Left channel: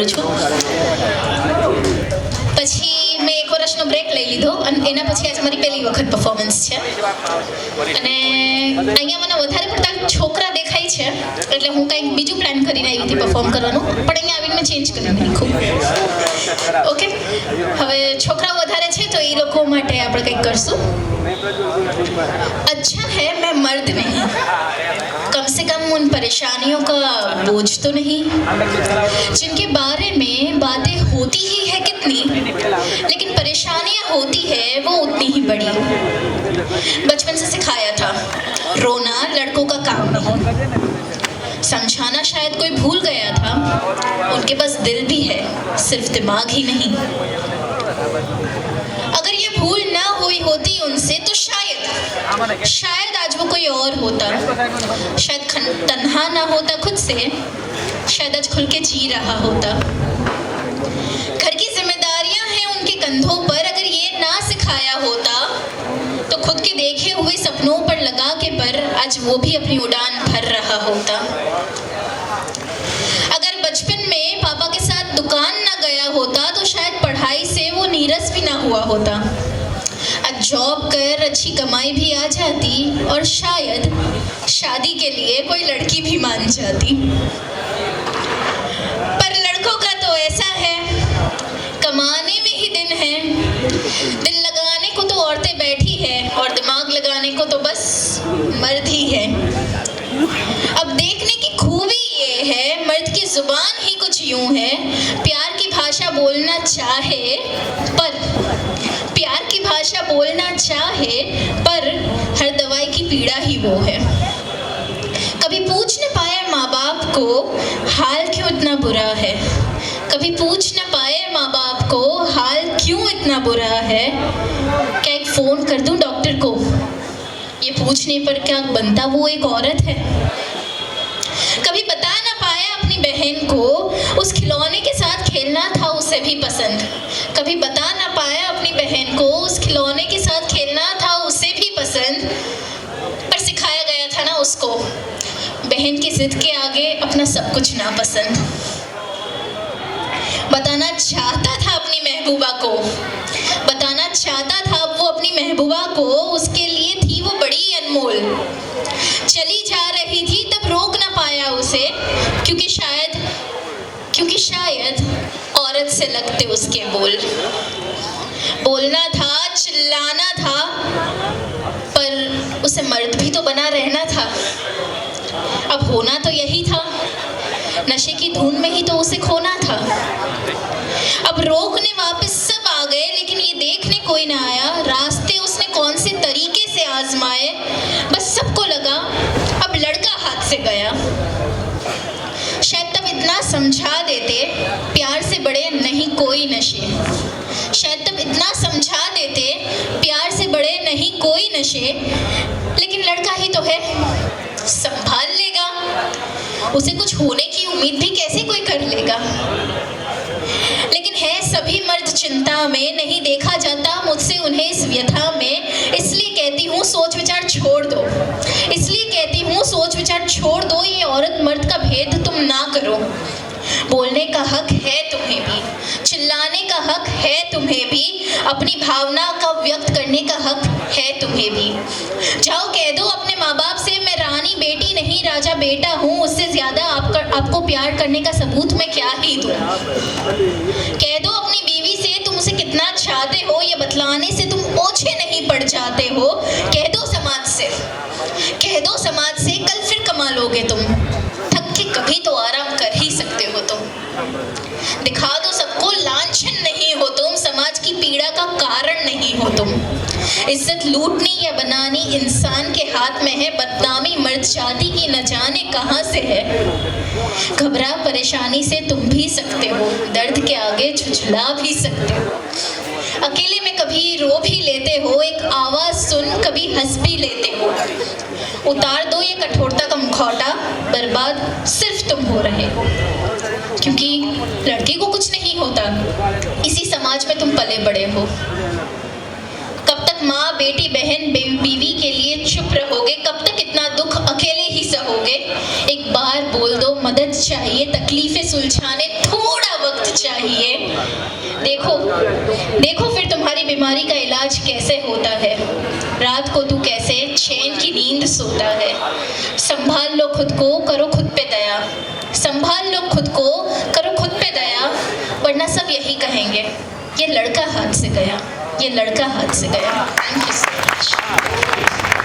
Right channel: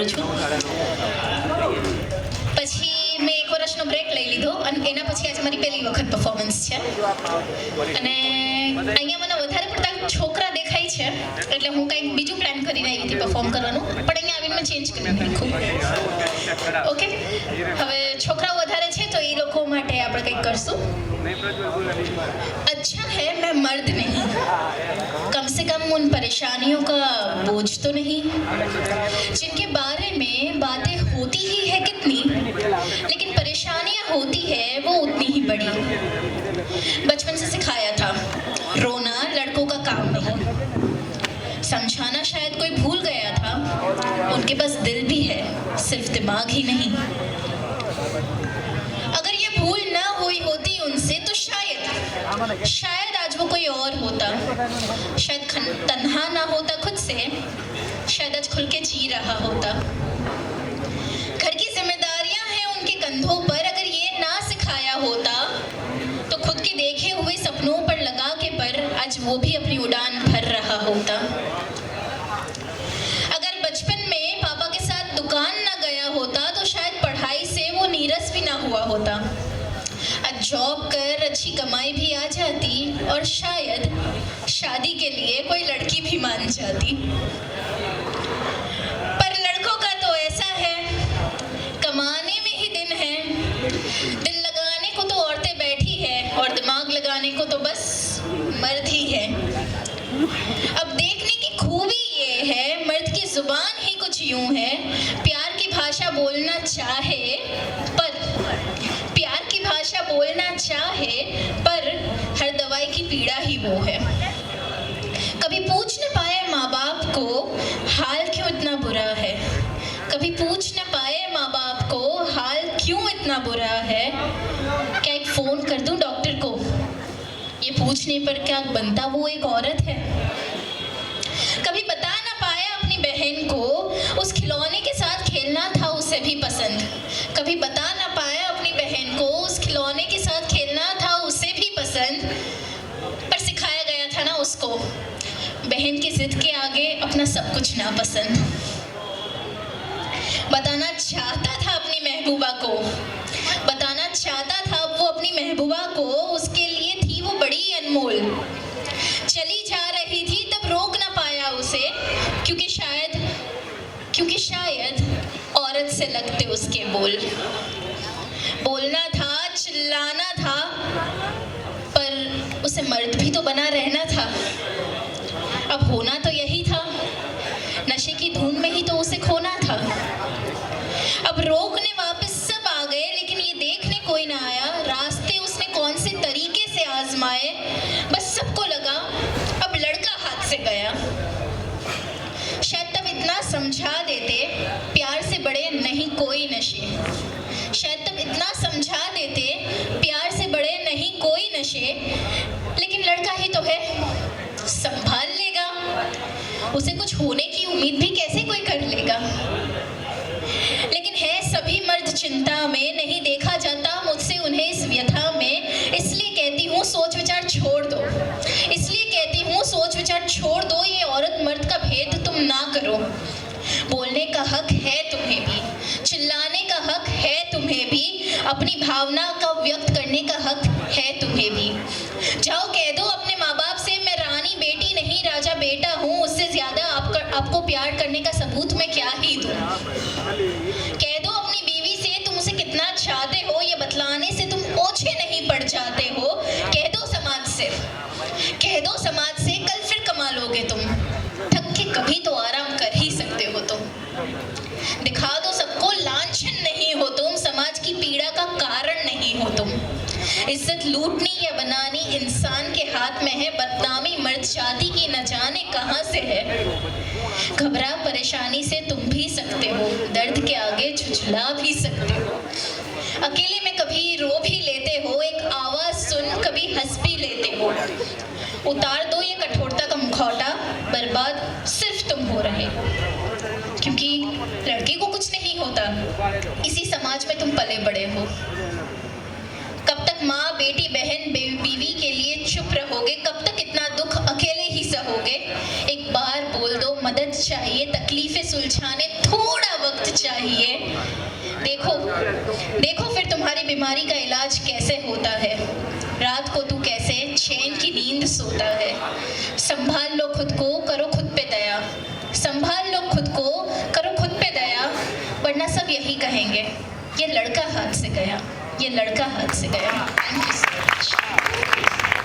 કરું છું. પછી મેં એક વર્ષનો બ્રેક લઈ લીધો અને એના પછી આજે મારી પહેલી વખત પરફોર્મન્સ છે. અને અહીંયા મને વધારે પડતા છોકરા દેખાય છે એટલે હું કંઈક બીજું પ્લાન કરીને આવી હતી પરફોર્મ કરવાનું, પણ અહીંયા આવીને મેં ચેન્જ કરી નાખ્યું. ઓકે, હવે છોકરાઓ વધારે છે તો એ લોકો માટે આપણે કંઈક કરશું. अच्छा है मैं मर्द नहीं, कम से कम उन परेशानियों का बोझ तो नहीं जिनके बारे में बातें होती ही है कितनी, लेकिन परेशानियां होती है वो उतनी ही बड़ी. बचपन से सिखाया था रोना लड़कों का काम नहीं, समझाना शायद कोई भूल गया था, उनके पास दिल भी है सिर्फ दिमाग ही नहीं. अगर ये भूल ना हुई होती उनसे तो शायद आज वो कोई और होता, शायद तन्हा ना होता खुद से, शायद आज खुल के जी रहा होता. घर की जिम्मेदारियां हैं उनके कंधों पर, अगर ये ना सिखाया होता तो खुद के देखे हुए सपनों पर लगा के पर आज वो भी अपनी उड़ान भर रहा होता. अगर बचपन में पापा के साथ दुकान ना गया होता तो शायद पढ़ाई से वो नीरस भी ना हुआ होता. आज जॉब कर अच्छी कमाई भी आ जाती और शायद शादी के लिए कोई लड़की भी मान जाती. पर लड़कों का तो ऐसा है, कमाने में ही दिन है, दिल लगाने को तो औरतें बैठी है और दिमाग लगाने को तो बस मर्द ही है. अब देखने की खूबी ये है, मर्द की जुबान ही कुछ यूं है, प्यार की भाषा बोलना चाहे पर हर दवाई की पीड़ा ही वो है. कभी पूछ न पाए माँ बाप को हाल क्यों इतना बुरा है, कभी पूछ न पाए माँ बाप को हाल क्यों इतना बुरा है. क्या एक फोन कर दूं डॉक्टर को, ये पूछने पर क्या बनता वो एक औरत है. कभी बता न पाया अपनी बहन को उस खिलौने के साथ खेलना था उसे भी पसंद, कभी बता न पाया अपनी बहन को उस खिलौने के साथ खेलना था उसे भी पसंद. पर सिखाया गया था ना उसको बहन की जिद के आगे अपना सब कुछ नापसंद. बताना चाहता था अपनी महबूबा को, बताना चाहता था वो अपनी महबूबा को, उसके लिए थी वो बड़ी अनमोल. चली जा रही थी तब रोक ना पाया उसे, क्योंकि शायद औरत से लगते उसके बोल. बोलना था, चिल्लाना था, पर उसे मर्द भी तो बना रहना था. अब होना तो यही था, नशे की धुन में ही तो उसे खोना था. अब रोकने वापस सब आ गए, लेकिन ये देखने कोई ना आया रास्ते उसने कौन से तरीके से आजमाए. बस सबको लगा अब लड़का हाथ से गया. शायद तब इतना समझा देते प्यार से बड़े नहीं कोई नशे, शायद तब इतना समझा देते प्यार से बड़े नहीं कोई नशे. लेकिन लड़का ही तो है, संभाल लेगा, उसे कुछ होने की उम्मीद भी कैसे कोई कर लेगा. लेकिन है सभी मर्द चिंता में, नहीं देखा जाता मुझसे उन्हें इस व्यथा में. इसलिए कहती हूँ सोच विचार छोड़ दो, इसलिए कहती हूँ सोच विचार छोड़ दो. ये औरत मर्द का भेद तुम ना करो. बोलने का हक है तुम्हें भी, चिल्लाने का हक है तुम्हें भी, अपनी भावना का व्यक्त करने का हक है तुम्हें भी. जाओ कह दो अपने माँ बाप से मैं रानी बेटी नहीं राजा बेटा हूँ, उससे ज्यादा आपको प्यार करने का सबूत मैं क्या ही दूँ. कह दो अपनी बीवी से तुम उसे कितना चाहते हो, ये बतलाने से तुम ओछे नहीं पड़ जाते हो. कह दो समाज से कल फिर कमा लोगे तुम, थक के कभी तो आराम कर ही सकते हो तुम. दिखा दो सबको लांछन नहीं हो तुम, समाज की पीड़ा का कारण नहीं हो तुम. इज्जत लूटनी या बनानी इंसान के हाथ में है, बदनामी मर्द जाति की न जाने कहां से है. घबरा परेशानी से तुम भी सकते हो, दर्द के आगे झुझला भी सकते हो. अकेले में कभी रो भी लेते हो, एक आवाज सुन कभी हंस भी लेते हो. उतार दो ये कठोरता का मुखौटा, बर्बाद सिर्फ तुम हो रहे हो. क्योंकि लड़के को कुछ नहीं होता, इसी समाज में तुम पले बड़े हो. कब तक माँ बेटी बहन बीवी के लिए चुप रहोगे, कब तक इतना दुख अकेले ही सहोगे. एक बार बोल दो मदद चाहिए, तकलीफें सुलझाने थोड़ा वक्त चाहिए। देखो देखो फिर तुम्हारी बीमारी का इलाज कैसे होता है, रात को तू कैसे चैन की नींद सोता है। संभाल लो खुद को, करो खुद पे दया, संभाल लो खुद को, करो खुद पे दया, वरना सब यही कहेंगे ये लड़का हाथ से गया, ये लड़का हाथ से गया। Thank you so much.